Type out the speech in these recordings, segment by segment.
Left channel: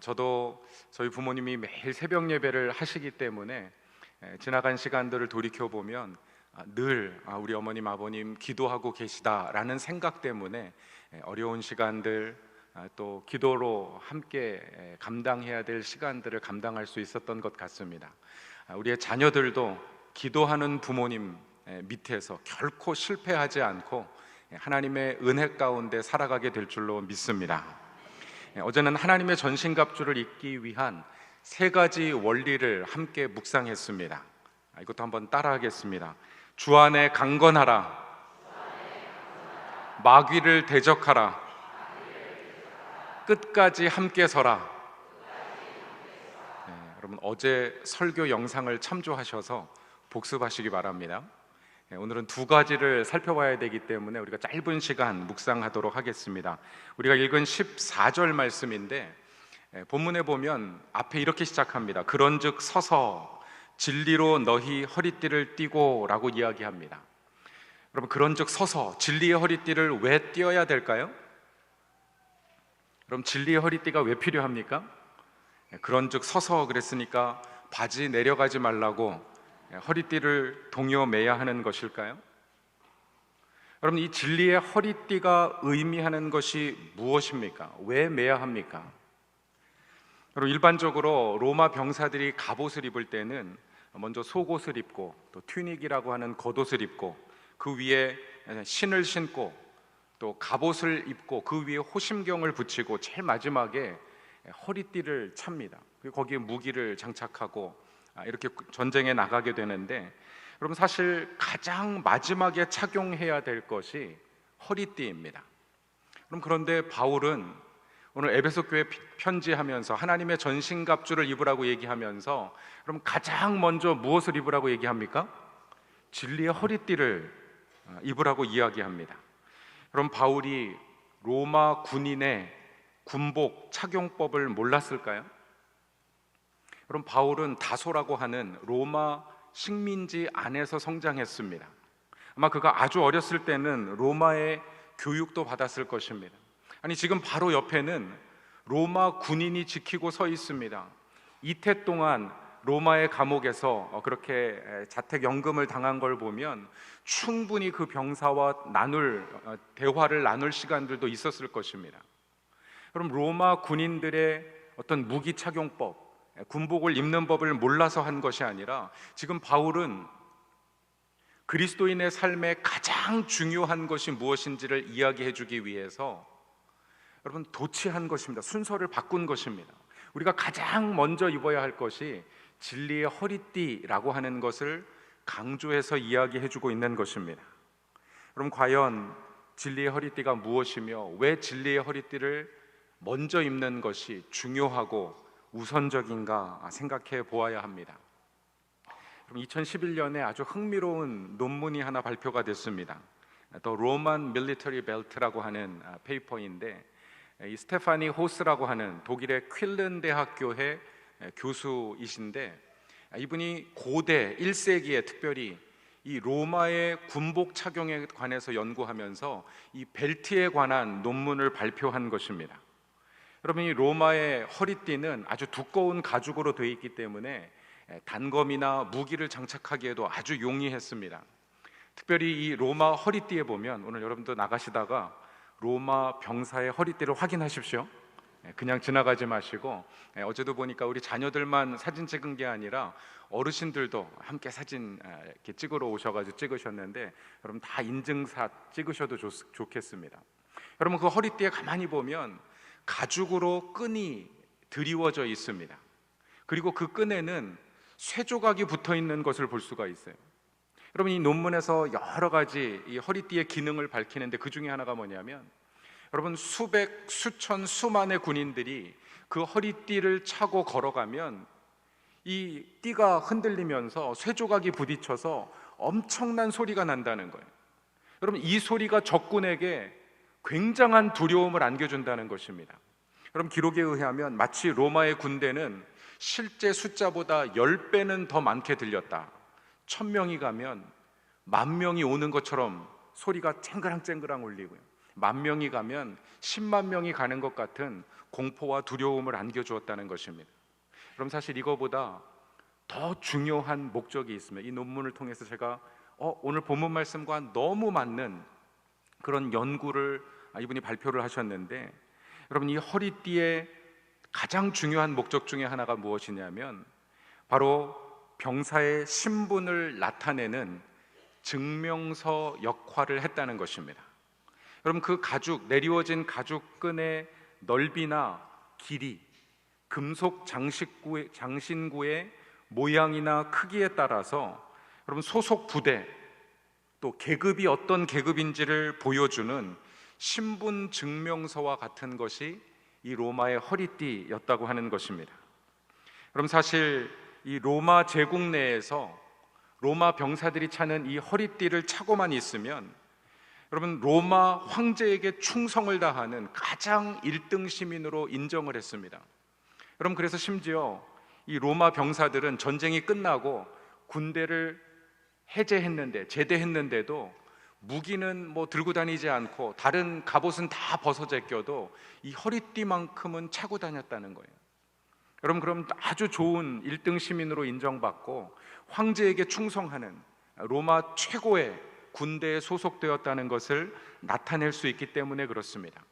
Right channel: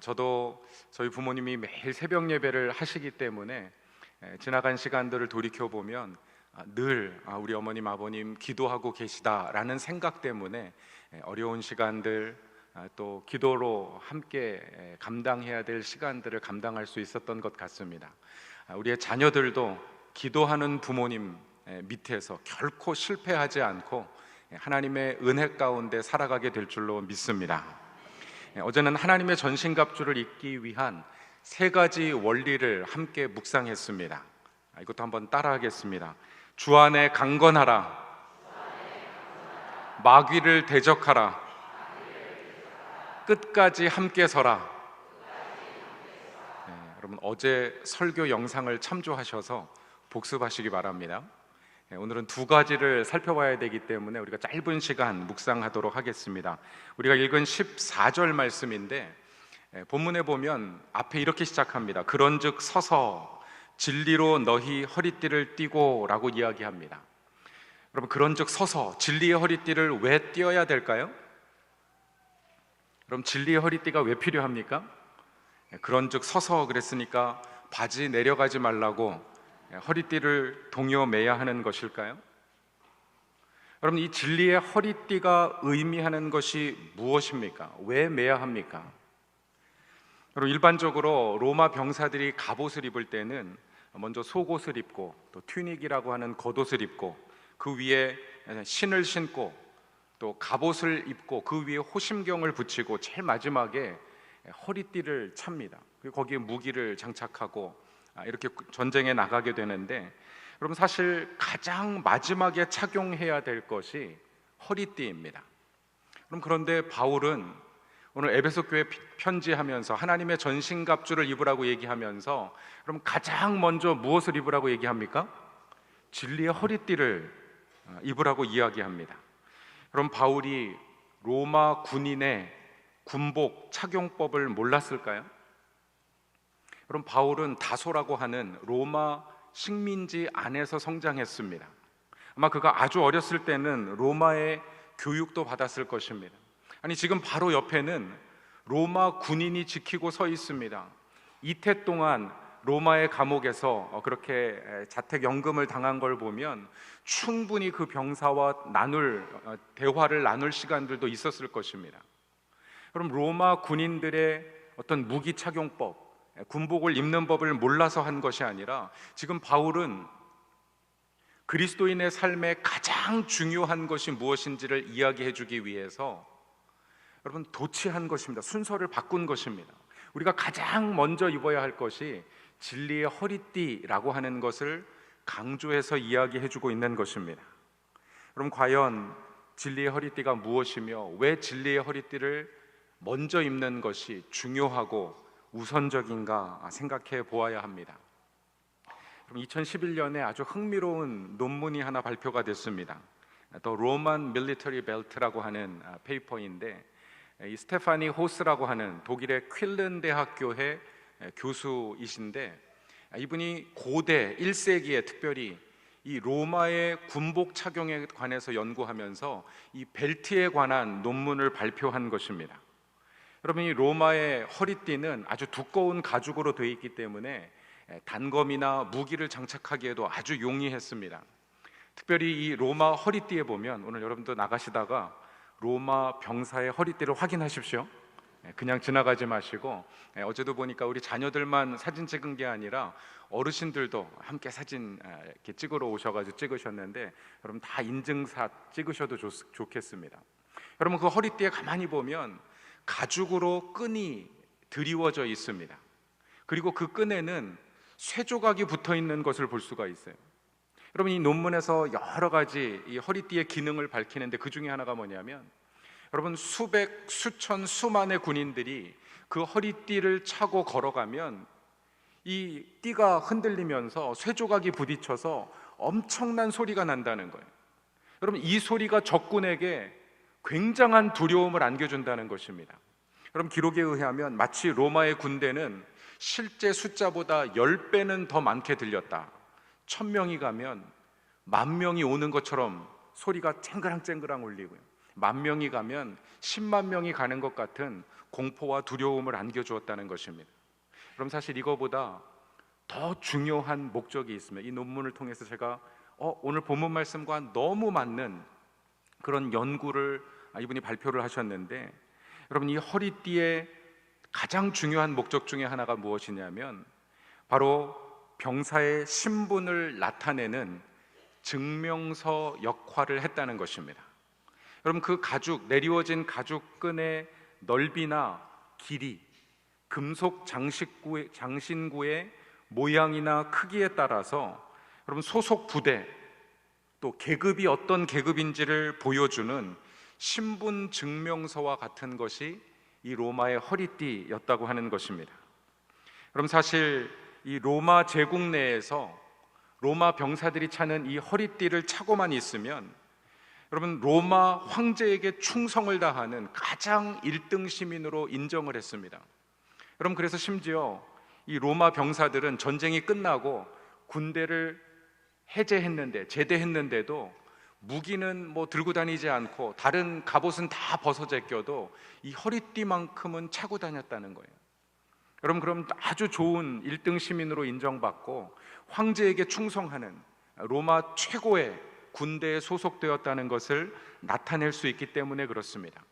저도 저희 부모님이 매일 새벽 예배를 하시기 때문에 지나간 시간들을 돌이켜 보면 늘 우리 어머님 아버님 기도하고 계시다라는 생각 때문에 어려운 시간들, 또 기도로 함께 감당해야 될 시간들을 감당할 수 있었던 것 같습니다. 우리의 자녀들도 기도하는 부모님 밑에서 결코 실패하지 않고 하나님의 은혜 가운데 살아가게 될 줄로 믿습니다. 어제는 하나님의 전신갑주를 입기 위한 세 가지 원리를 함께 묵상했습니다. 이것도 한번 따라하겠습니다. 주 안에 강건하라, 마귀를 대적하라, 끝까지 함께 서라. 여러분 어제 설교 영상을 참조하셔서 복습하시기 바랍니다. 오늘은 두 가지를 살펴봐야 되기 때문에 우리가 짧은 시간 묵상하도록 하겠습니다. 우리가 읽은 14절 말씀인데 본문에 보면 앞에 이렇게 시작합니다. 그런즉 서서 진리로 너희 허리띠를 띠고 라고 이야기합니다. 여러분 그런즉 서서 진리의 허리띠를 왜 띠어야 될까요? 그럼 진리의 허리띠가 왜 필요합니까? 그런즉 서서 그랬으니까 바지 내려가지 말라고 허리띠를 동여 매야 하는 것일까요? 여러분 이 진리의 허리띠가 의미하는 것이 무엇입니까? 왜 매야 합니까? 여러분 일반적으로 로마 병사들이 갑옷을 입을 때는 먼저 속옷을 입고 또 튜닉이라고 하는 겉옷을 입고 그 위에 신을 신고 또 갑옷을 입고 그 위에 호심경을 붙이고 제일 마지막에 허리띠를 찹니다. 그리고 거기에 무기를 장착하고 이렇게 전쟁에 나가게 되는데 여러분 사실 가장 마지막에 착용해야 될 것이 허리띠입니다. 그런데 바울은 오늘 에베소 교회 편지하면서 하나님의 전신갑주를 입으라고 얘기하면서 그럼 가장 먼저 무엇을 입으라고 얘기합니까? 진리의 허리띠를 입으라고 이야기합니다. 그럼 바울이 로마 군인의 군복 착용법을 몰랐을까요? 그럼 바울은 다소라고 하는 로마 식민지 안에서 성장했습니다. 아마 그가 아주 어렸을 때는 로마의 교육도 받았을 것입니다. 아니 지금 바로 옆에는 로마 군인이 지키고 서 있습니다. 이태 동안 로마의 감옥에서 그렇게 자택연금을 당한 걸 보면 충분히 그 병사와 대화를 나눌 시간들도 있었을 것입니다. 그럼 로마 군인들의 어떤 무기 착용법, 군복을 입는 법을 몰라서 한 것이 아니라 지금 바울은 그리스도인의 삶에 가장 중요한 것이 무엇인지를 이야기해 주기 위해서 여러분 도취한 것입니다. 순서를 바꾼 것입니다. 우리가 가장 먼저 입어야 할 것이 진리의 허리띠라고 하는 것을 강조해서 이야기해 주고 있는 것입니다. 그럼 과연 진리의 허리띠가 무엇이며 왜 진리의 허리띠를 먼저 입는 것이 중요하고 우선적인가 생각해 보아야 합니다. 2011년에 아주 흥미로운 논문이 하나 발표가 됐습니다. The Roman Military Belt라고 하는 페이퍼인데 이 스테파니 호스라고 하는 독일의 퀼른 대학교의 교수이신데 이분이 고대 1세기에 특별히 이 로마의 군복 착용에 관해서 연구하면서 이 벨트에 관한 논문을 발표한 것입니다. 여러분 이 로마의 허리띠는 아주 두꺼운 가죽으로 되어 있기 때문에 단검이나 무기를 장착하기에도 아주 용이했습니다. 특별히 이 로마 허리띠에 보면 오늘 여러분도 나가시다가 로마 병사의 허리띠를 확인하십시오. 그냥 지나가지 마시고 어제도 보니까 우리 자녀들만 사진 찍은 게 아니라 어르신들도 함께 사진 이렇게 찍으러 오셔가지고 찍으셨는데 여러분 다 인증샷 찍으셔도 좋겠습니다. 여러분 그 허리띠에 가만히 보면 가죽으로 끈이 드리워져 있습니다. 그리고 그 끈에는 쇠조각이 붙어 있는 것을 볼 수가 있어요. 여러분 이 논문에서 여러 가지 이 허리띠의 기능을 밝히는데 그 중에 하나가 뭐냐면 여러분 수백, 수천, 수만의 군인들이 그 허리띠를 차고 걸어가면 이 띠가 흔들리면서 쇠조각이 부딪혀서 엄청난 소리가 난다는 거예요. 여러분 이 소리가 적군에게 굉장한 두려움을 안겨준다는 것입니다. 여러분 기록에 의하면 마치 로마의 군대는 실제 숫자보다 10배는 더 많게 들렸다. 1000명이 가면 10,000명이 오는 것처럼 소리가 쨍그랑쨍그랑 울리고요. 10,000명이 가면 10만 명이 가는 것 같은 공포와 두려움을 안겨주었다는 것입니다. 그럼 사실 이거보다 더 중요한 목적이 있으면 이 논문을 통해서 제가 오늘 본문 말씀과 너무 맞는 그런 연구를 이분이 발표를 하셨는데, 여러분, 이 허리띠의 가장 중요한 목적 중에 하나가 무엇이냐면 바로 병사의 신분을 나타내는 증명서 역할을 했다는 것입니다. 여러분, 그 가죽, 내리워진 가죽끈의 넓이나 길이, 금속 장신구의 모양이나 크기에 따라서 여러분 소속 부대, 또 계급이 어떤 계급인지를 보여주는 신분 증명서와 같은 것이 이 로마의 허리띠였다고 하는 것입니다. 그럼 사실 이 로마 제국 내에서 로마 병사들이 차는 이 허리띠를 차고만 있으면 여러분 로마 황제에게 충성을 다하는 가장 1등 시민으로 인정을 했습니다. 여러분, 그래서 심지어 이 로마 병사들은 전쟁이 끝나고 군대를 제대했는데도 무기는 들고 다니지 않고 다른 갑옷은 다 벗어 제껴도 이 허리띠만큼은 차고 다녔다는 거예요. 여러분, 그럼 아주 좋은 1등 시민으로 인정받고 황제에게 충성하는 로마 최고의 군대에 소속되었다는 것을 나타낼 수 있기 때문에 그렇습니다.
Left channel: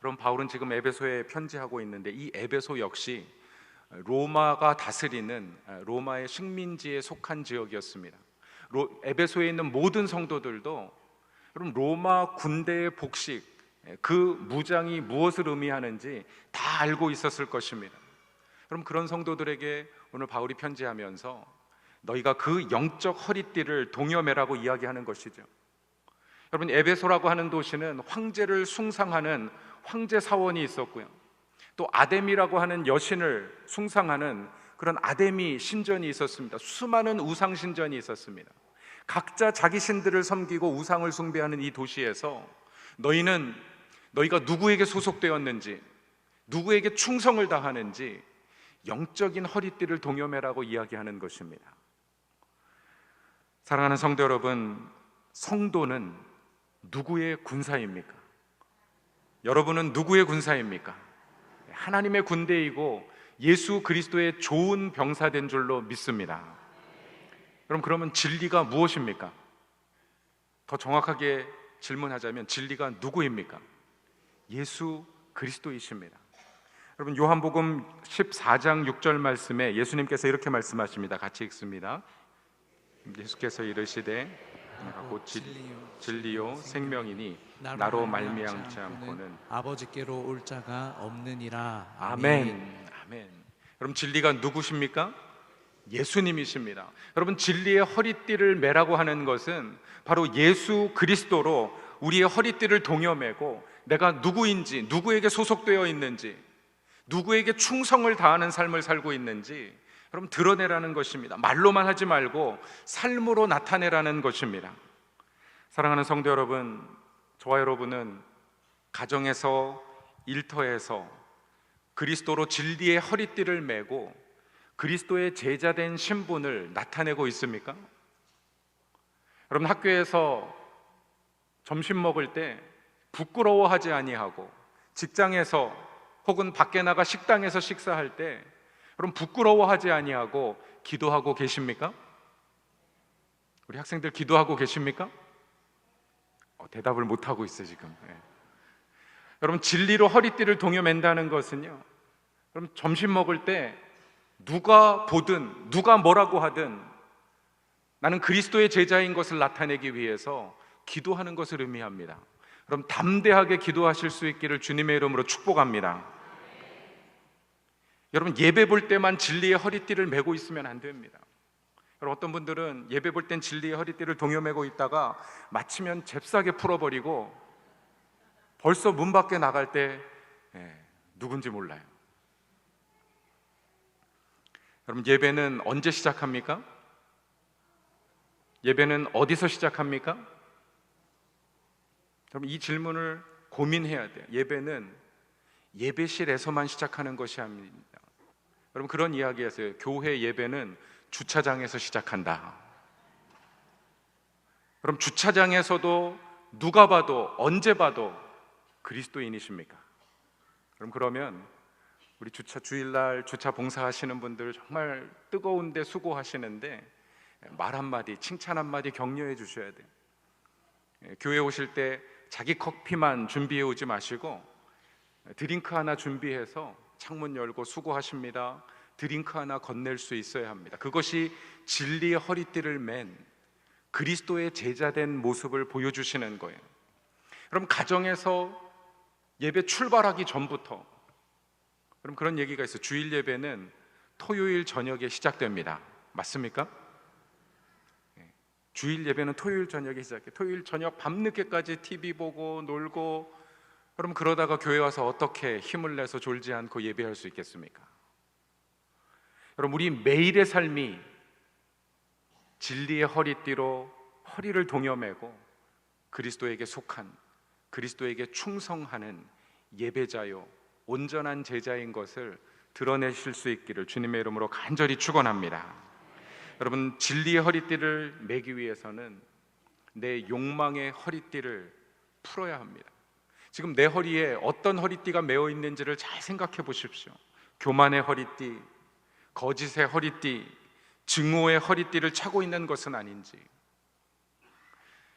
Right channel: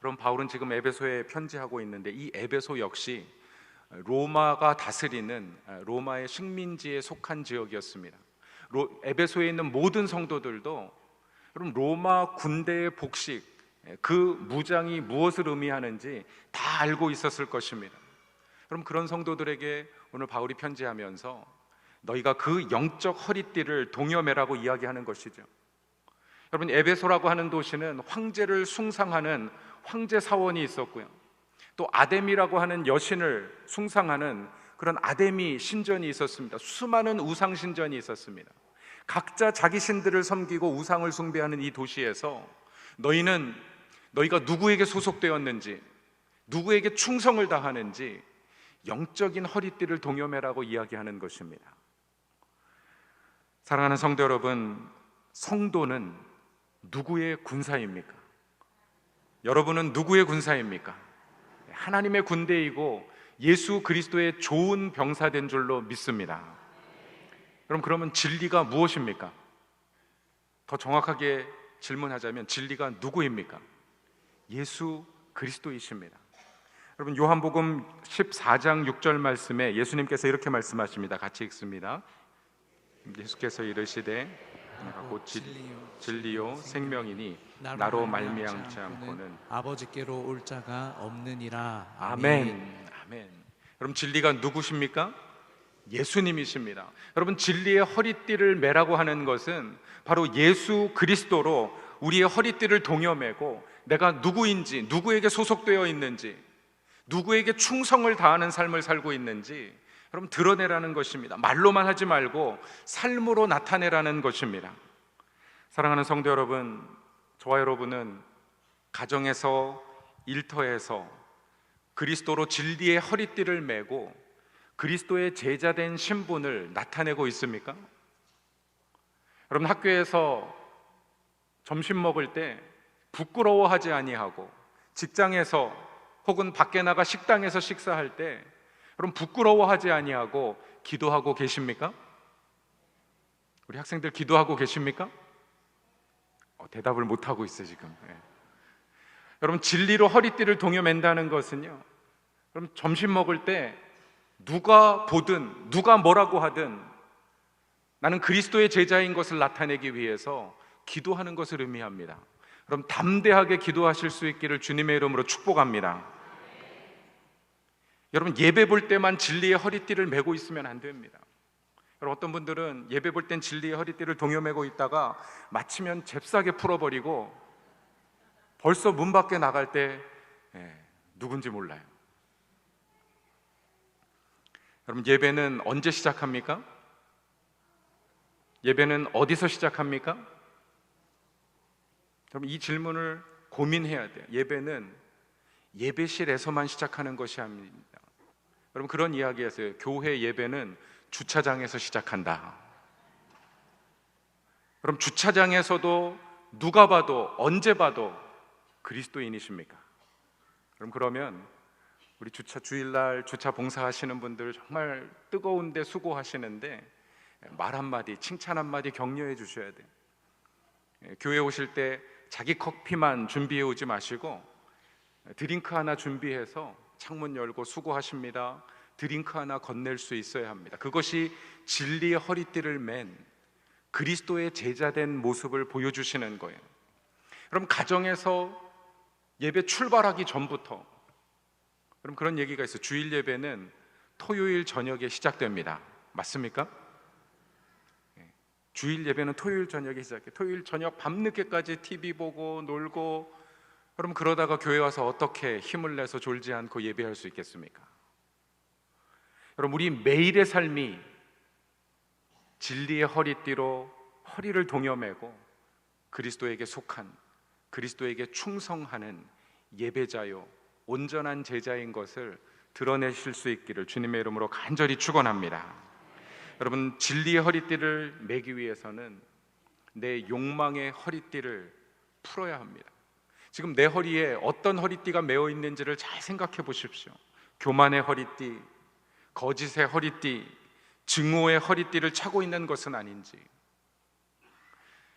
그럼 바울은 지금 에베소에 편지하고 있는데 이 에베소 역시 로마가 다스리는 로마의 식민지에 속한 지역이었습니다. 에베소에 있는 모든 성도들도 여러분 로마 군대의 복식, 그 무장이 무엇을 의미하는지 다 알고 있었을 것입니다. 그럼 그런 성도들에게 오늘 바울이 편지하면서 너희가 그 영적 허리띠를 동여매라고 이야기하는 것이죠. 여러분, 에베소라고 하는 도시는 황제를 숭상하는 황제 사원이 있었고요, 또 아데미라고 하는 여신을 숭상하는 그런 아데미 신전이 있었습니다. 수많은 우상 신전이 있었습니다. 각자 자기 신들을 섬기고 우상을 숭배하는 이 도시에서 너희가 누구에게 소속되었는지, 누구에게 충성을 다하는지 영적인 허리띠를 동여매라고 이야기하는 것입니다. 사랑하는 성도 여러분, 성도는 누구의 군사입니까? 여러분은 누구의 군사입니까? 하나님의 군대이고 예수 그리스도의 좋은 병사된 줄로 믿습니다. 그러면 진리가 무엇입니까? 더 정확하게 질문하자면 진리가 누구입니까? 예수 그리스도이십니다. 여러분, 요한복음 14장 6절 말씀에 예수님께서 이렇게 말씀하십니다. 같이 읽습니다. 예수께서 이르시되 곧 진리요 생명이니 나로 말미암지 않고는 아버지께로 올 자가 없느니라. 아멘. 아멘. 여러분, 진리가 누구십니까? 예수님이십니다. 여러분, 진리의 허리띠를 매라고 하는 것은 바로 예수 그리스도로 우리의 허리띠를 동여매고 내가 누구인지, 누구에게 소속되어 있는지, 누구에게 충성을 다하는 삶을 살고 있는지 여러분 드러내라는 것입니다. 말로만 하지 말고 삶으로 나타내라는 것입니다. 사랑하는 성도 여러분, 저와 여러분은 가정에서, 일터에서 그리스도로 진리의 허리띠를 메고 그리스도의 제자된 신분을 나타내고 있습니까? 여러분, 학교에서 점심 먹을 때 부끄러워하지 아니하고, 직장에서 혹은 밖에 나가 식당에서 식사할 때 여러분 부끄러워하지 아니하고 기도하고 계십니까? 우리 학생들 기도하고 계십니까? 대답을 못하고 있어요 지금. 여러분, 진리로 허리띠를 동여맨다는 것은요, 여러분 점심 먹을 때 누가 보든 누가 뭐라고 하든 나는 그리스도의 제자인 것을 나타내기 위해서 기도하는 것을 의미합니다. 그럼 담대하게 기도하실 수 있기를 주님의 이름으로 축복합니다. 여러분, 예배 볼 때만 진리의 허리띠를 메고 있으면 안 됩니다. 여러분, 어떤 분들은 예배 볼 땐 진리의 허리띠를 동여매고 있다가 마치면 잽싸게 풀어버리고 벌써 문 밖에 나갈 때 누군지 몰라요. 여러분, 예배는 언제 시작합니까? 예배는 어디서 시작합니까? 여러분, 이 질문을 고민해야 돼요. 예배는 예배실에서만 시작하는 것이 아닙니다. 여러분, 그런 이야기에서요, 교회 예배는 주차장에서 시작한다. 그럼 주차장에서도 누가 봐도 언제 봐도 그리스도인이십니까? 그러면 우리 주일날 주차 봉사하시는 분들 정말 뜨거운데 수고하시는데 말 한마디, 칭찬 한마디 격려해 주셔야 돼요. 교회 오실 때 자기 커피만 준비해 오지 마시고 드링크 하나 준비해서 창문 열고 수고하십니다. 드링크 하나 건넬 수 있어야 합니다. 그것이 진리의 허리띠를 맨 그리스도의 제자된 모습을 보여주시는 거예요. 그럼 가정에서 예배 출발하기 전부터, 그럼 그런 얘기가 있어요. 주일 예배는 토요일 저녁에 시작됩니다. 맞습니까? 주일 예배는 토요일 저녁에 시작해요. 토요일 저녁 밤늦게까지 TV 보고 놀고, 그럼 그러다가 교회 와서 어떻게 힘을 내서 졸지 않고 예배할 수 있겠습니까? 여러분, 우리 매일의 삶이 진리의 허리띠로 허리를 동여매고 그리스도에게 속한, 그리스도에게 충성하는 예배자요 온전한 제자인 것을 드러내실 수 있기를 주님의 이름으로 간절히 축원합니다. 여러분, 진리의 허리띠를 매기 위해서는 내 욕망의 허리띠를 풀어야 합니다. 지금 내 허리에 어떤 허리띠가 매어 있는지를 잘 생각해 보십시오. 교만의 허리띠, 거짓의 허리띠, 증오의 허리띠를 차고 있는 것은 아닌지.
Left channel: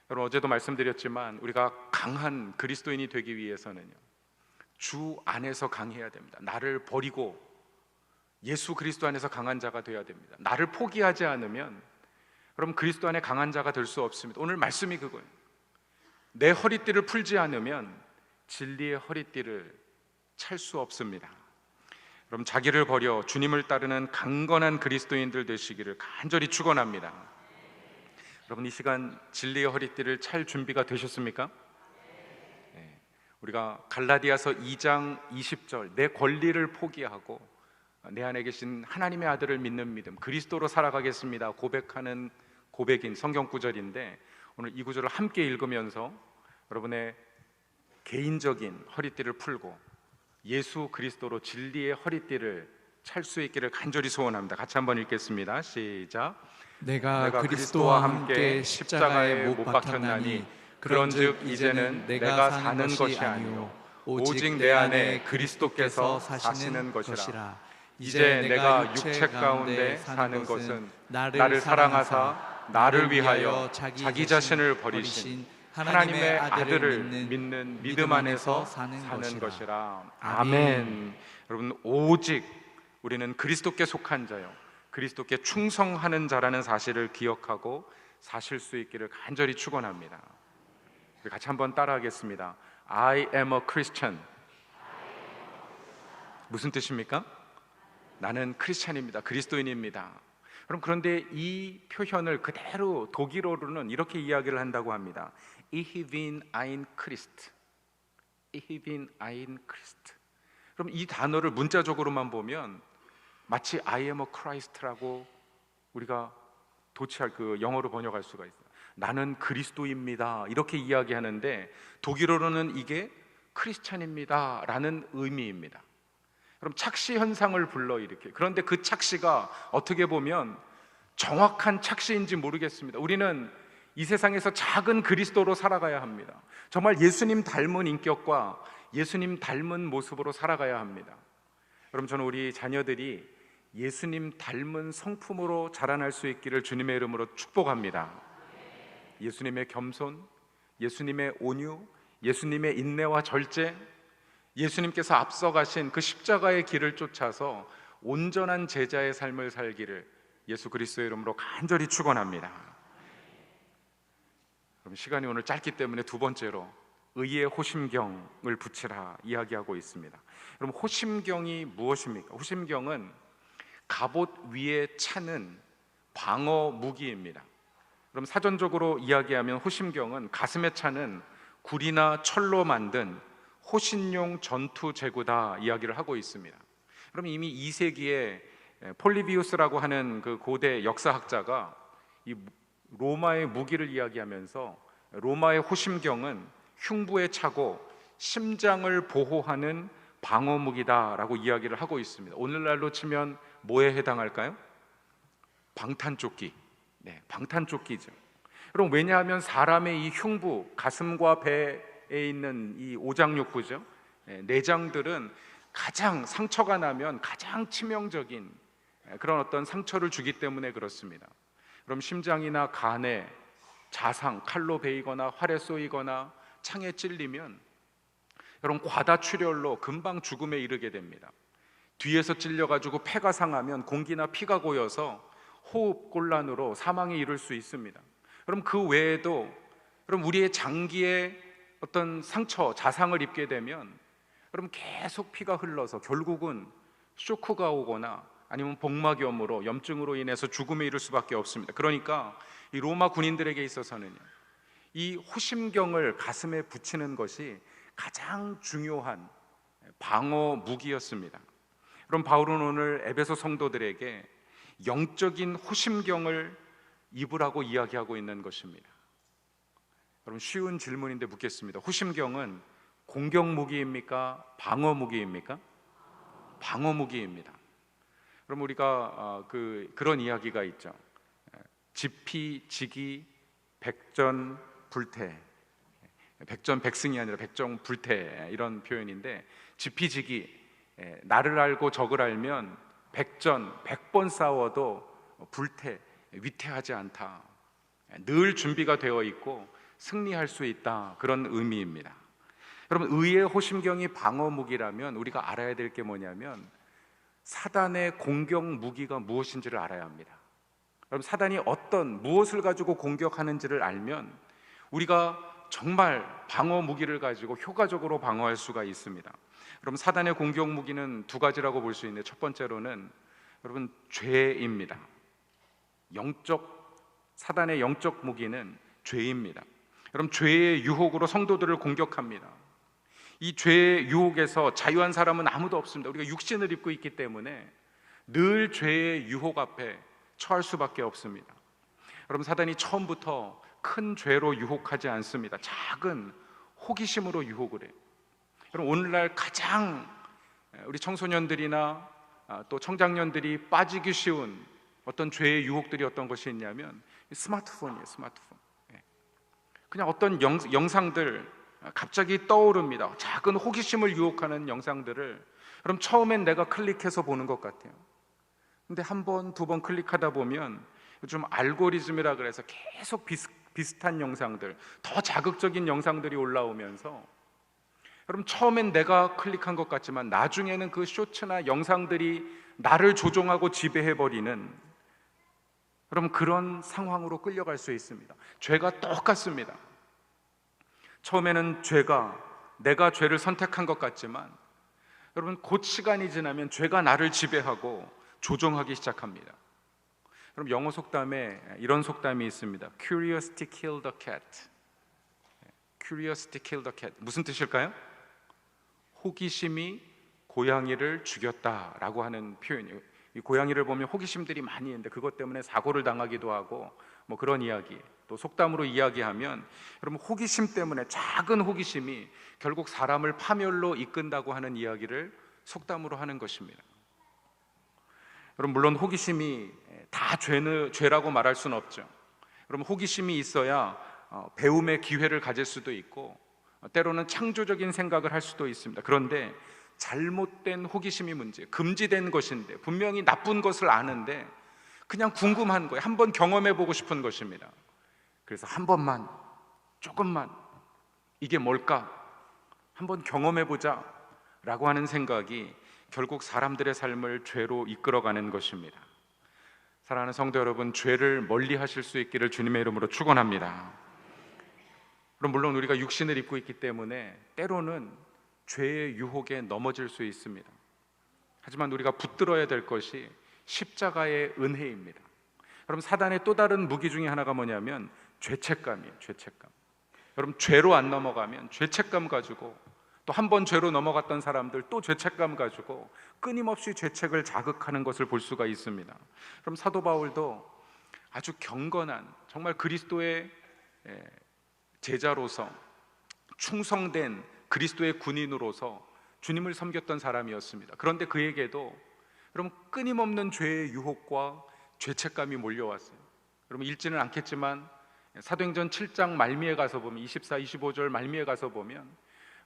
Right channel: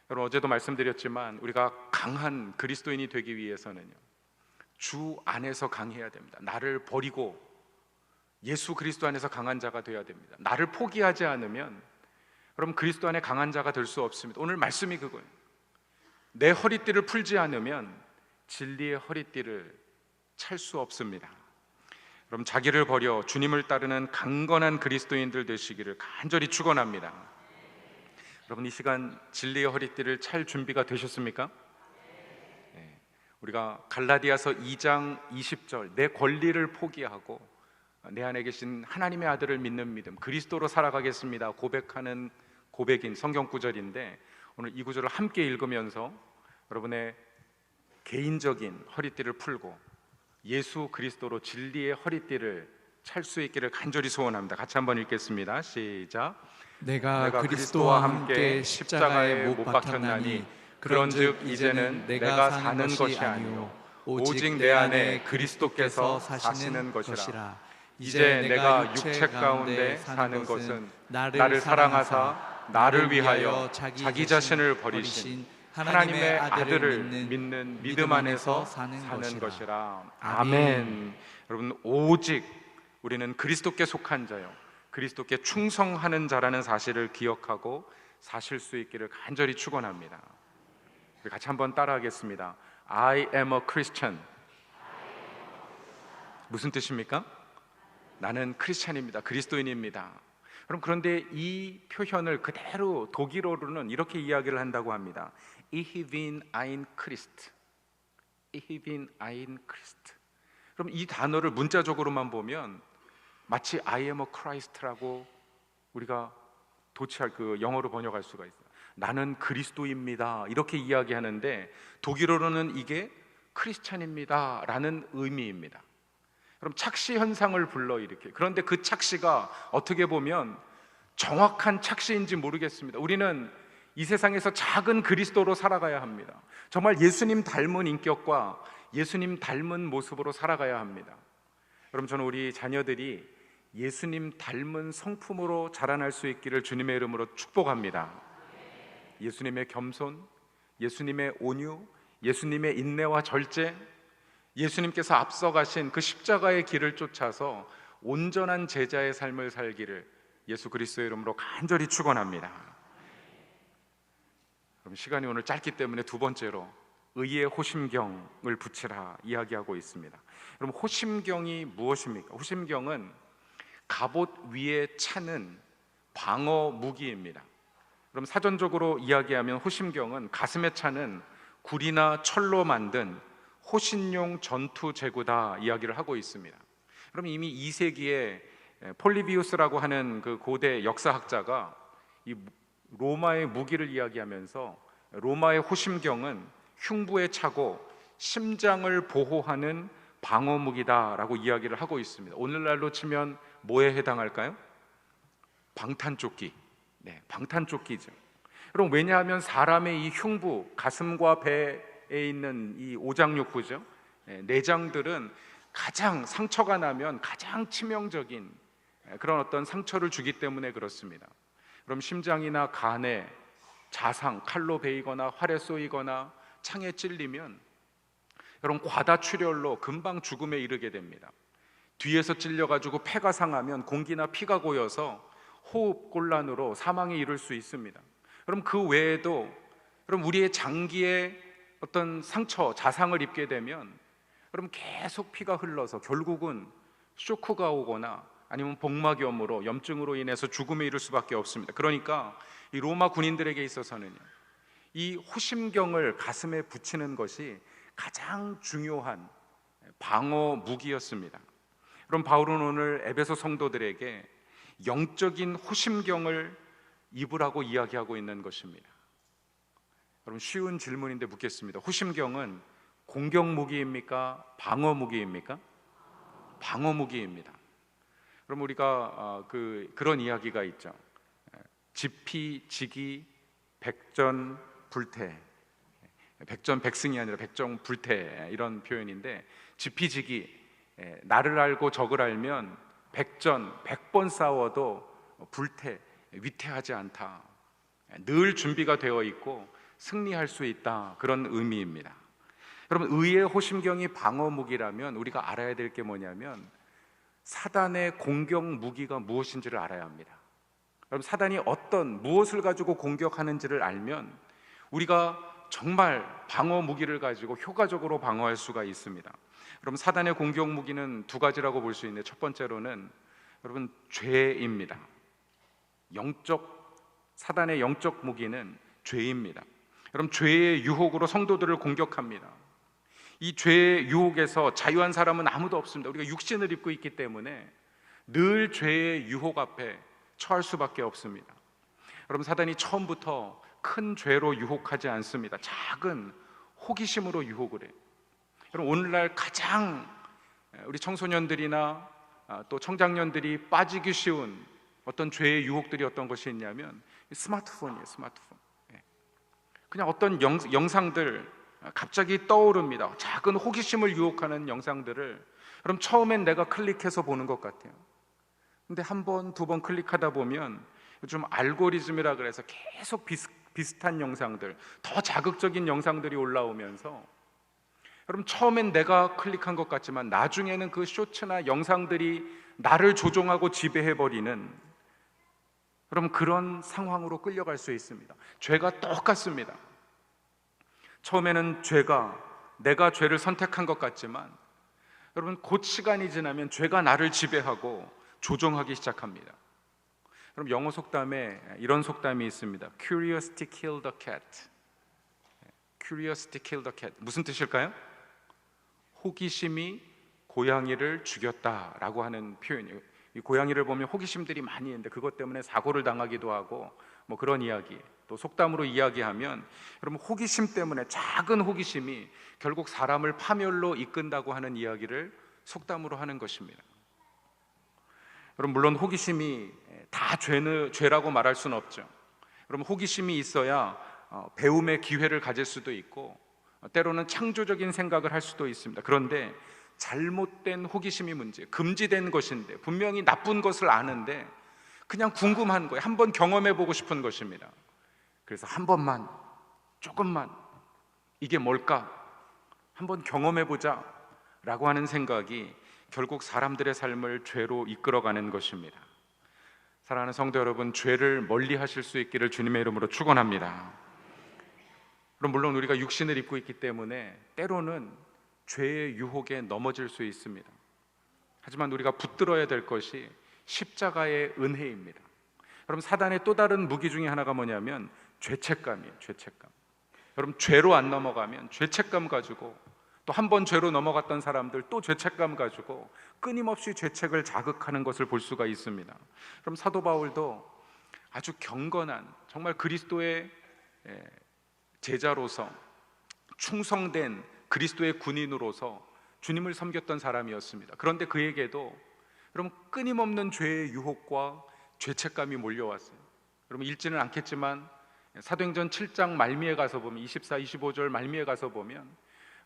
여러분, 어제도 말씀드렸지만 우리가 강한 그리스도인이 되기 위해서는요, 주 안에서 강해야 됩니다. 나를 버리고 예수 그리스도 안에서 강한 자가 되어야 됩니다. 나를 포기하지 않으면 여러분 그리스도 안에 강한 자가 될 수 없습니다. 오늘 말씀이 그거예요. 내 허리띠를 풀지 않으면 진리의 허리띠를 찰 수 없습니다. 여러분, 자기를 버려 주님을 따르는 강건한 그리스도인들 되시기를 간절히 축원합니다. 여러분, 이 시간 진리의 허리띠를 찰 준비가 되셨습니까? 우리가 갈라디아서 2장 20절, 내 권리를 포기하고 내 안에 계신 하나님의 아들을 믿는 믿음, 그리스도로 살아가겠습니다 고백하는 고백인 성경 구절인데, 오늘 이 구절을 함께 읽으면서 여러분의 개인적인 허리띠를 풀고 예수 그리스도로 진리의 허리띠를 찰 수 있기를 간절히 소원합니다. 같이 한번 읽겠습니다. 시작. 내가 그리스도와 함께 십자가에 못 박혔나니 그런즉 이제는 내가 사는 것이 아니요 오직 내 안에 그리스도께서 사시는 것이라. 이제 내가 육체 가운데 사는 것은 나를 사랑하사 나를 위하여 자기 자신을 버리신 하나님의 아들을 믿는 믿음 안에서 사는 것이라. 아멘. 여러분, 오직 우리는 그리스도께 속한 자요, 그리스도께 충성하는 자라는 사실을 기억하고 사실 수 있기를 간절히 축원합니다. 같이 한번 따라하겠습니다. I am a Christian. 무슨 뜻입니까? 나는 크리스찬입니다. 그리스도인입니다. 그런데 이 표현을 그대로 독일어로는 이렇게 이야기를 한다고 합니다. Ich bin ein Christ. Ich bin ein Christ. 그럼 이 단어를 문자적으로만 보면 마치 I am a Christ라고 우리가 도치할 그 영어로 번역할 수가 있어요. 나는 그리스도입니다. 이렇게 이야기하는데 독일어로는 이게 크리스찬입니다 라는 의미입니다. 그럼 착시 현상을 불러일으켜. 그런데 그 착시가 어떻게 보면 정확한 착시인지 모르겠습니다. 우리는 이 세상에서 작은 그리스도로 살아가야 합니다. 정말 예수님 닮은 인격과 예수님 닮은 모습으로 살아가야 합니다. 그럼 저는 우리 자녀들이 예수님 닮은 성품으로 자라날 수 있기를 주님의 이름으로 축복합니다. 예수님의 겸손, 예수님의 온유, 예수님의 인내와 절제, 예수님께서 앞서가신 그 십자가의 길을 쫓아서 온전한 제자의 삶을 살기를 예수 그리스도의 이름으로 간절히 축원합니다. 그럼 시간이 오늘 짧기 때문에 두 번째로 의의 호심경을 붙이라 이야기하고 있습니다. 그럼 호심경이 무엇입니까? 호심경은 갑옷 위에 차는 방어 무기입니다. 그럼 사전적으로 이야기하면 호심경은 가슴에 차는 굴이나 철로 만든 호신용 전투 제구다 이야기를 하고 있습니다. 그럼 이미 2세기에 폴리비우스라고 하는 그 고대 역사학자가 이 로마의 무기를 이야기하면서 로마의 호심경은 흉부에 차고 심장을 보호하는 방어 무기다라고 이야기를 하고 있습니다. 오늘날로 치면 뭐에 해당할까요? 방탄조끼. 네, 방탄조끼죠. 그럼 왜냐하면 사람의 이 흉부, 가슴과 배에 있는 이 오장육부죠. 내장들은 가장 상처가 나면 가장 치명적인 그런 어떤 상처를 주기 때문에 그렇습니다. 그럼 심장이나 간에 자상, 칼로 베이거나 활에 쏘이거나 창에 찔리면 여러분 과다출혈로 금방 죽음에 이르게 됩니다. 뒤에서 찔려가지고 폐가 상하면 공기나 피가 고여서 호흡곤란으로 사망에 이를 수 있습니다. 그럼 그 외에도 그럼 우리의 장기에 어떤 상처, 자상을 입게 되면 그럼 계속 피가 흘러서 결국은 쇼크가 오거나 아니면 복막염으로 염증으로 인해서 죽음에 이를 수밖에 없습니다. 그러니까 이 로마 군인들에게 있어서는 이 호심경을 가슴에 붙이는 것이 가장 중요한 방어 무기였습니다. 그럼 바울은 오늘 에베소 성도들에게 영적인 호심경을 입으라고 이야기하고 있는 것입니다. 여러분 쉬운 질문인데 묻겠습니다. 호심경은 공격 무기입니까? 방어 무기입니까? 방어 무기입니다. 그럼 우리가 그런 이야기가 있죠. 지피지기 백전불태, 백전백승이 아니라 백전불태 이런 표현인데 지피지기 나를 알고 적을 알면 백전 100번 싸워도 불태 위태하지 않다. 늘 준비가 되어 있고 승리할 수 있다. 그런 의미입니다. 여러분 의의 호심경이 방어 무기라면 우리가 알아야 될 게 뭐냐면 사단의 공격 무기가 무엇인지를 알아야 합니다. 여러분 사단이 무엇을 가지고 공격하는지를 알면 우리가 정말 방어 무기를 가지고 효과적으로 방어할 수가 있습니다. 여러분 사단의 공격 무기는 두 가지라고 볼 수 있는데 첫 번째로는 여러분 죄입니다. 사단의 영적 무기는 죄입니다. 여러분 죄의 유혹으로 성도들을 공격합니다. 이 죄의 유혹에서 자유한 사람은 아무도 없습니다. 우리가 육신을 입고 있기 때문에 늘 죄의 유혹 앞에 처할 수밖에 없습니다. 여러분 사단이 처음부터 큰 죄로 유혹하지 않습니다. 작은 호기심으로 유혹을 해요. 여러분 오늘날 가장 우리 청소년들이나 또 청장년들이 빠지기 쉬운 어떤 죄의 유혹들이 어떤 것이 있냐면 스마트폰이에요. 스마트폰. 그냥 어떤 영상들 갑자기 떠오릅니다. 작은 호기심을 유혹하는 영상들을 그럼 처음엔 내가 클릭해서 보는 것 같아요. 근데 한 번, 두 번 클릭하다 보면 요즘 알고리즘이라 그래서 계속 비슷한 영상들, 더 자극적인 영상들이 올라오면서 그럼 처음엔 내가 클릭한 것 같지만 나중에는 그 쇼츠나 영상들이 나를 조종하고 지배해버리는 그럼 그런 상황으로 끌려갈 수 있습니다. 죄가 똑같습니다. 처음에는 내가 죄를 선택한 것 같지만 여러분 곧 시간이 지나면 죄가 나를 지배하고 조종하기 시작합니다. 그럼 영어 속담에 이런 속담이 있습니다. Curiosity killed the cat. Curiosity killed the cat. 무슨 뜻일까요? 호기심이 고양이를 죽였다라고 하는 표현이에요. 이 고양이를 보면 호기심들이 많이 있는데 그것 때문에 사고를 당하기도 하고 뭐 그런 이야기, 또 속담으로 이야기하면 여러분 호기심 때문에 작은 호기심이 결국 사람을 파멸로 이끈다고 하는 이야기를 속담으로 하는 것입니다. 여러분 물론 호기심이 다 죄라고 말할 수는 없죠. 여러분 호기심이 있어야 배움의 기회를 가질 수도 있고 때로는 창조적인 생각을 할 수도 있습니다. 그런데 잘못된 호기심이 문제, 금지된 것인데 분명히 나쁜 것을 아는데 그냥 궁금한 거예요. 한번 경험해보고 싶은 것입니다. 그래서 한 번만, 조금만 이게 뭘까? 한번 경험해보자 라고 하는 생각이 결국 사람들의 삶을 죄로 이끌어가는 것입니다. 사랑하는 성도 여러분, 죄를 멀리 하실 수 있기를 주님의 이름으로 축원합니다. 그럼 물론 우리가 육신을 입고 있기 때문에 때로는 죄의 유혹에 넘어질 수 있습니다. 하지만 우리가 붙들어야 될 것이 십자가의 은혜입니다. 여러분 사단의 또 다른 무기 중에 하나가 뭐냐면 죄책감이에요. 죄책감. 여러분 죄로 안 넘어가면 죄책감 가지고 또 한 번 죄로 넘어갔던 사람들 또 죄책감 가지고 끊임없이 죄책을 자극하는 것을 볼 수가 있습니다. 그럼 사도 바울도 아주 경건한 정말 그리스도의 제자로서 충성된 그리스도의 군인으로서 주님을 섬겼던 사람이었습니다. 그런데 그에게도 여러분 끊임없는 죄의 유혹과 죄책감이 몰려왔어요. 여러분 읽지는 않겠지만 사도행전 7장 말미에 가서 보면 24, 25절 말미에 가서 보면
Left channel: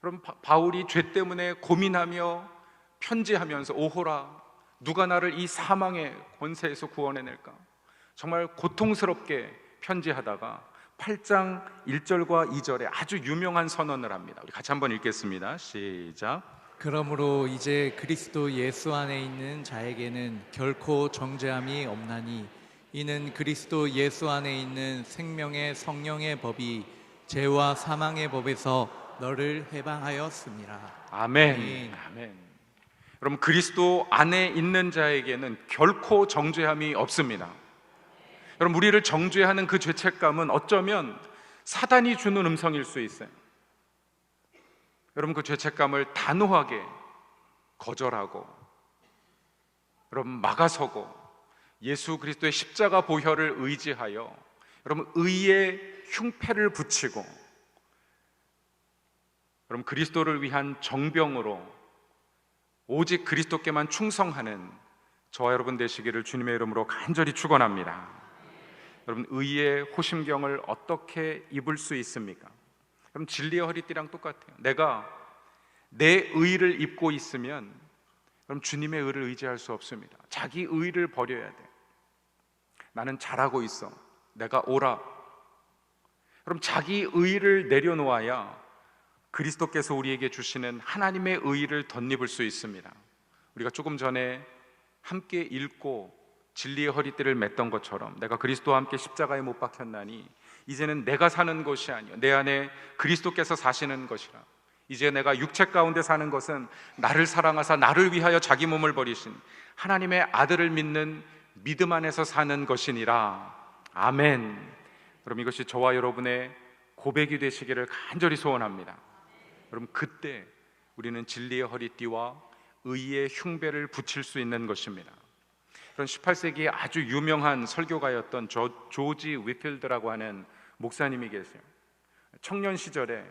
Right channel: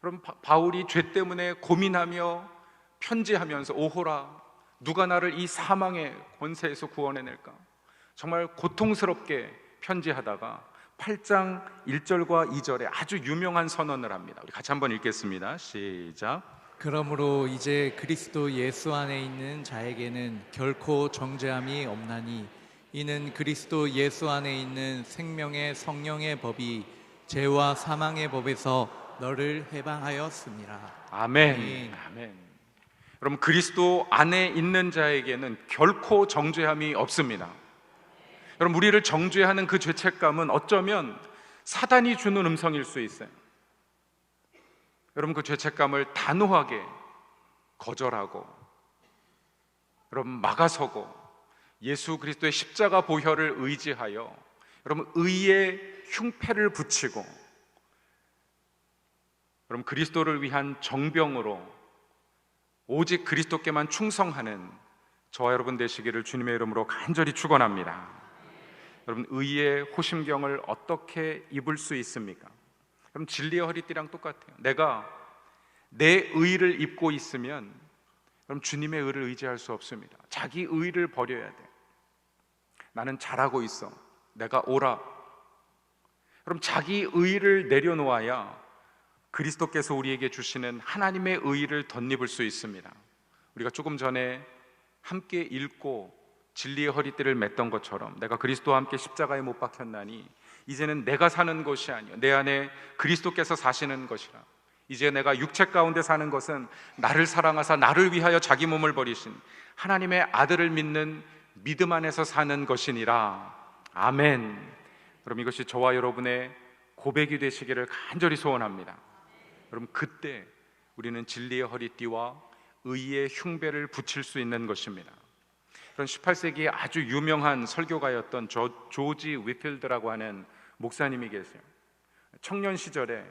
여러분 바울이 죄 때문에 고민하며 편지하면서 오호라 누가 나를 이 사망의 권세에서 구원해낼까? 정말 고통스럽게 편지하다가 8장 1절과 2절에 아주 유명한 선언을 합니다. 우리 같이 한번 읽겠습니다. 시작. 그러므로 이제 그리스도 예수 안에 있는 자에게는 결코 정죄함이 없나니 이는 그리스도 예수 안에 있는 생명의 성령의 법이 죄와 사망의 법에서 너를 해방하였습니다. 아멘. 아멘. 여러분, 그리스도 안에 있는 자에게는 결코 정죄함이 없습니다. 여러분, 우리를 정죄하는 그 죄책감은 어쩌면 사단이 주는 음성일 수 있어요. 여러분, 그 죄책감을 단호하게 거절하고 여러분 막아서고 예수 그리스도의 십자가 보혈을 의지하여 여러분 의의 흉패를 붙이고 여러분 그리스도를 위한 정병으로 오직 그리스도께만 충성하는 저와 여러분 되시기를 주님의 이름으로 간절히 축원합니다. 여러분, 의의 호심경을 어떻게 입을 수 있습니까? 그럼 진리의 허리띠랑 똑같아요. 내가 내 의를 입고 있으면 그럼 주님의 의를 의지할 수 없습니다. 자기 의를 버려야 돼. 나는 잘하고 있어. 내가 옳아. 그럼 자기 의를 내려놓아야 그리스도께서 우리에게 주시는 하나님의 의를 덧입을 수 있습니다. 우리가 조금 전에 함께 읽고 진리의 허리띠를 맸던 것처럼 내가 그리스도와 함께 십자가에 못 박혔나니 이제는 내가 사는 것이 아니요 내 안에 그리스도께서 사시는 것이라. 이제 내가 육체 가운데 사는 것은 나를 사랑하사 나를 위하여 자기 몸을 버리신 하나님의 아들을 믿는 믿음 안에서 사는 것이니라. 아멘. 그럼 이것이 저와 여러분의 고백이 되시기를 간절히 소원합니다. 여러분, 그때 우리는 진리의 허리띠와 의의 흉배를 붙일 수 있는 것입니다. 그런 18세기에 아주 유명한 설교가였던 조지 위필드라고 하는 목사님이 계세요. 청년 시절에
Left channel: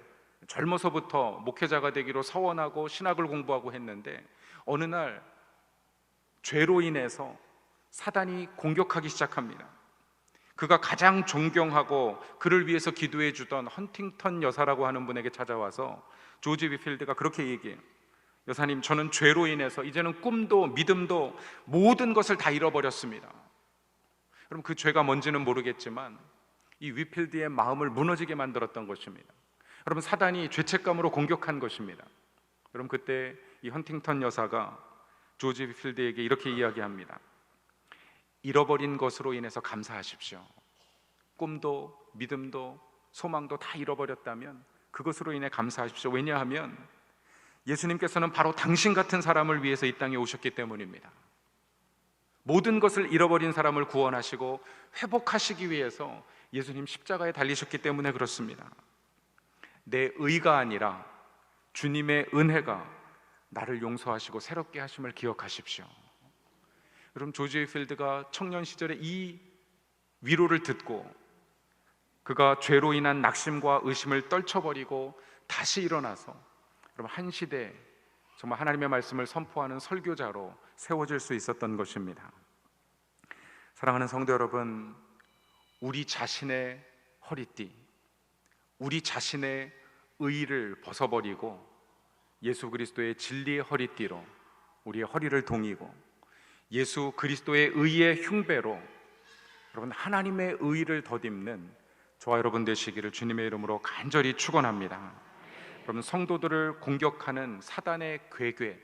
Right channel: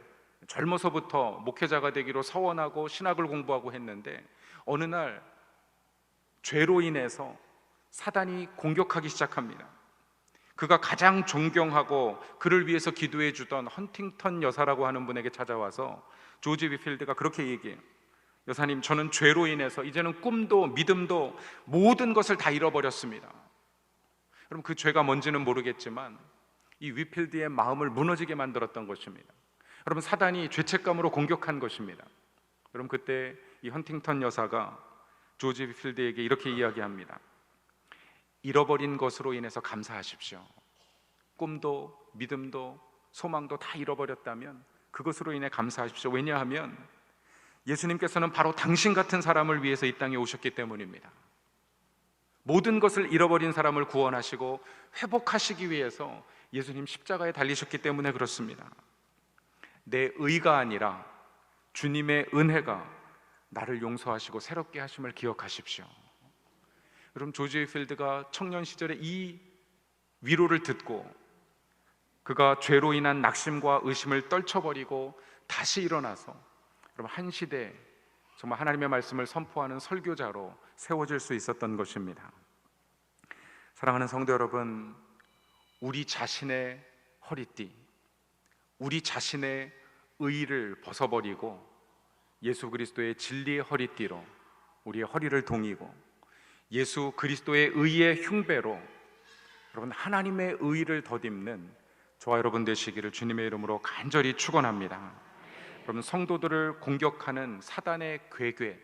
젊어서부터 목회자가 되기로 서원하고 신학을 공부하고 했는데 어느 날 죄로 인해서 사단이 공격하기 시작합니다. 그가 가장 존경하고 그를 위해서 기도해 주던 헌팅턴 여사라고 하는 분에게 찾아와서 조지 위필드가 그렇게 얘기해요. 여사님, 저는 죄로 인해서 이제는 꿈도 믿음도 모든 것을 다 잃어버렸습니다. 그럼 그 죄가 뭔지는 모르겠지만 이 위필드의 마음을 무너지게 만들었던 것입니다. 여러분, 사단이 죄책감으로 공격한 것입니다. 여러분, 그때 이 헌팅턴 여사가 조지 위필드에게 이렇게 이야기합니다. 잃어버린 것으로 인해서 감사하십시오. 꿈도 믿음도 소망도 다 잃어버렸다면 그것으로 인해 감사하십시오. 왜냐하면 예수님께서는 바로 당신 같은 사람을 위해서 이 땅에 오셨기 때문입니다. 모든 것을 잃어버린 사람을 구원하시고 회복하시기 위해서 예수님 십자가에 달리셨기 때문에 그렇습니다. 내 의가 아니라 주님의 은혜가 나를 용서하시고 새롭게 하심을 기억하십시오. 여러분, 조지 위필드가 청년 시절에 이 위로를 듣고 그가 죄로 인한 낙심과 의심을 떨쳐버리고 다시 일어나서 여러분 한 시대 정말 하나님의 말씀을 선포하는 설교자로 세워질 수 있었던 것입니다. 사랑하는 성도 여러분, 우리 자신의 허리띠, 우리 자신의 의의를 벗어버리고 예수 그리스도의 진리의 허리띠로 우리의 허리를 동이고 예수 그리스도의 의의 흉배로 여러분 하나님의 의의를 덧입는 저와 여러분 되시기를 주님의 이름으로 간절히 축원합니다. 여러분, 성도들을 공격하는 사단의 괴괴,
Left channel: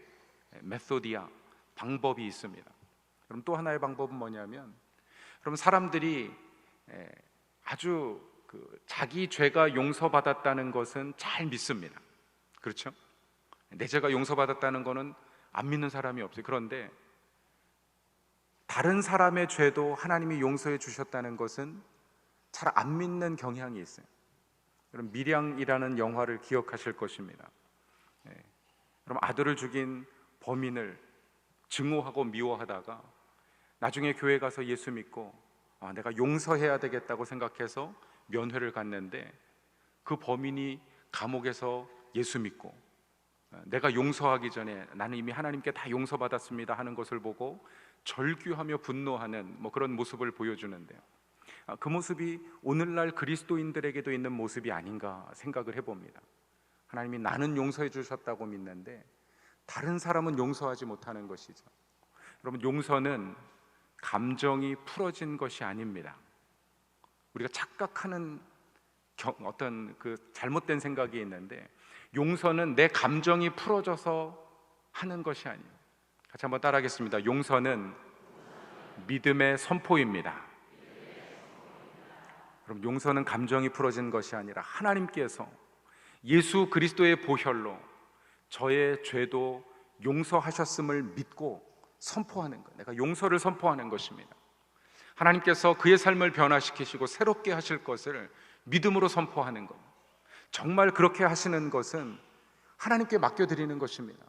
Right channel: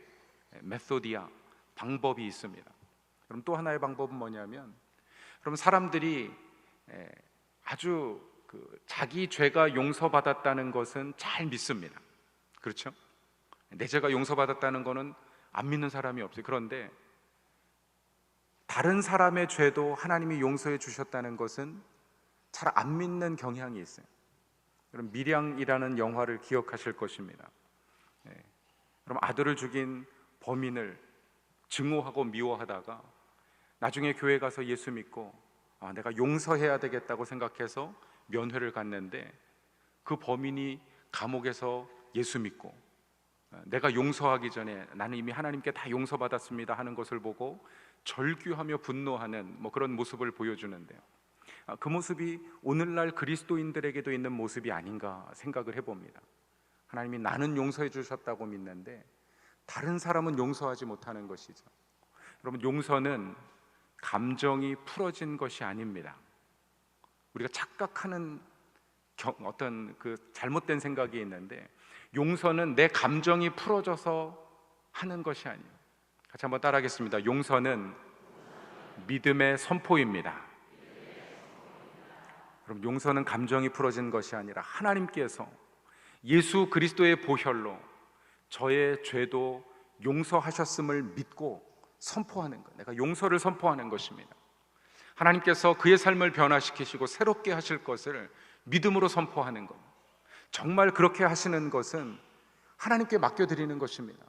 메소디아 방법이 있습니다. 그럼 또 하나의 방법은 뭐냐면 여러분, 사람들이 아주 자기 죄가 용서받았다는 것은 잘 믿습니다. 그렇죠? 내 죄가 용서받았다는 것은 안 믿는 사람이 없어요. 그런데 다른 사람의 죄도 하나님이 용서해 주셨다는 것은 잘 안 믿는 경향이 있어요. 그럼 밀양이라는 영화를 기억하실 것입니다. 그럼 아들을 죽인 범인을 증오하고 미워하다가 나중에 교회 가서 예수 믿고 내가 용서해야 되겠다고 생각해서 면회를 갔는데 그 범인이 감옥에서 예수 믿고 내가 용서하기 전에 나는 이미 하나님께 다 용서받았습니다 하는 것을 보고 절규하며 분노하는 그런 모습을 보여주는데 그 모습이 오늘날 그리스도인들에게도 있는 모습이 아닌가 생각을 해봅니다. 하나님이 나는 용서해 주셨다고 믿는데 다른 사람은 용서하지 못하는 것이죠. 여러분, 용서는 감정이 풀어진 것이 아닙니다. 우리가 착각하는 어떤 그 잘못된 생각이 있는데, 용서는 내 감정이 풀어져서 하는 것이 아니에요. 같이 한번 따라하겠습니다. 용서는 믿음의 선포입니다. 그럼 용서는 감정이 풀어진 것이 아니라 하나님께서 예수 그리스도의 보혈로 저의 죄도 용서하셨음을 믿고 선포하는 거예요. 내가 용서를 선포하는 것입니다. 하나님께서 그의 삶을 변화시키시고 새롭게 하실 것을 믿음으로 선포하는 겁니다. 정말 그렇게 하시는 것은 하나님께 맡겨드리는 것입니다.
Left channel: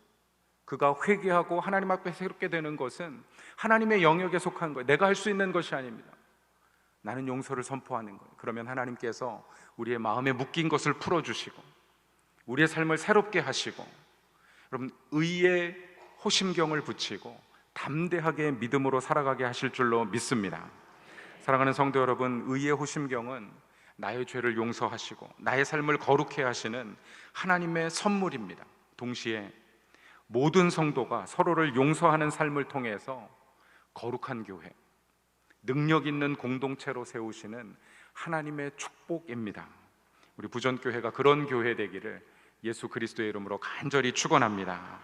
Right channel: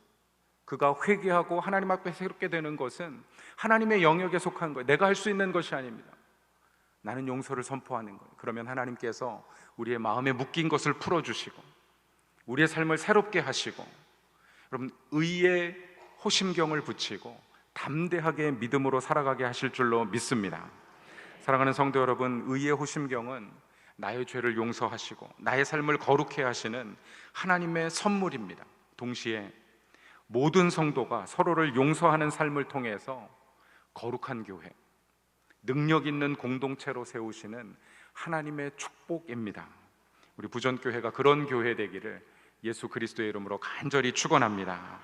그가 회개하고 하나님 앞에 새롭게 되는 것은 하나님의 영역에 속한 거예요. 내가 할 수 있는 것이 아닙니다. 나는 용서를 선포하는 거예요. 그러면 하나님께서 우리의 마음에 묶인 것을 풀어주시고 우리의 삶을 새롭게 하시고, 여러분, 의의 호심경을 붙이고 담대하게 믿음으로 살아가게 하실 줄로 믿습니다. 사랑하는 성도 여러분, 의의 호심경은 나의 죄를 용서하시고 나의 삶을 거룩해 하시는 하나님의 선물입니다. 동시에 모든 성도가 서로를 용서하는 삶을 통해서 거룩한 교회, 능력 있는 공동체로 세우시는 하나님의 축복입니다. 우리 부전교회가 그런 교회 되기를 예수 그리스도의 이름으로 간절히 축원합니다.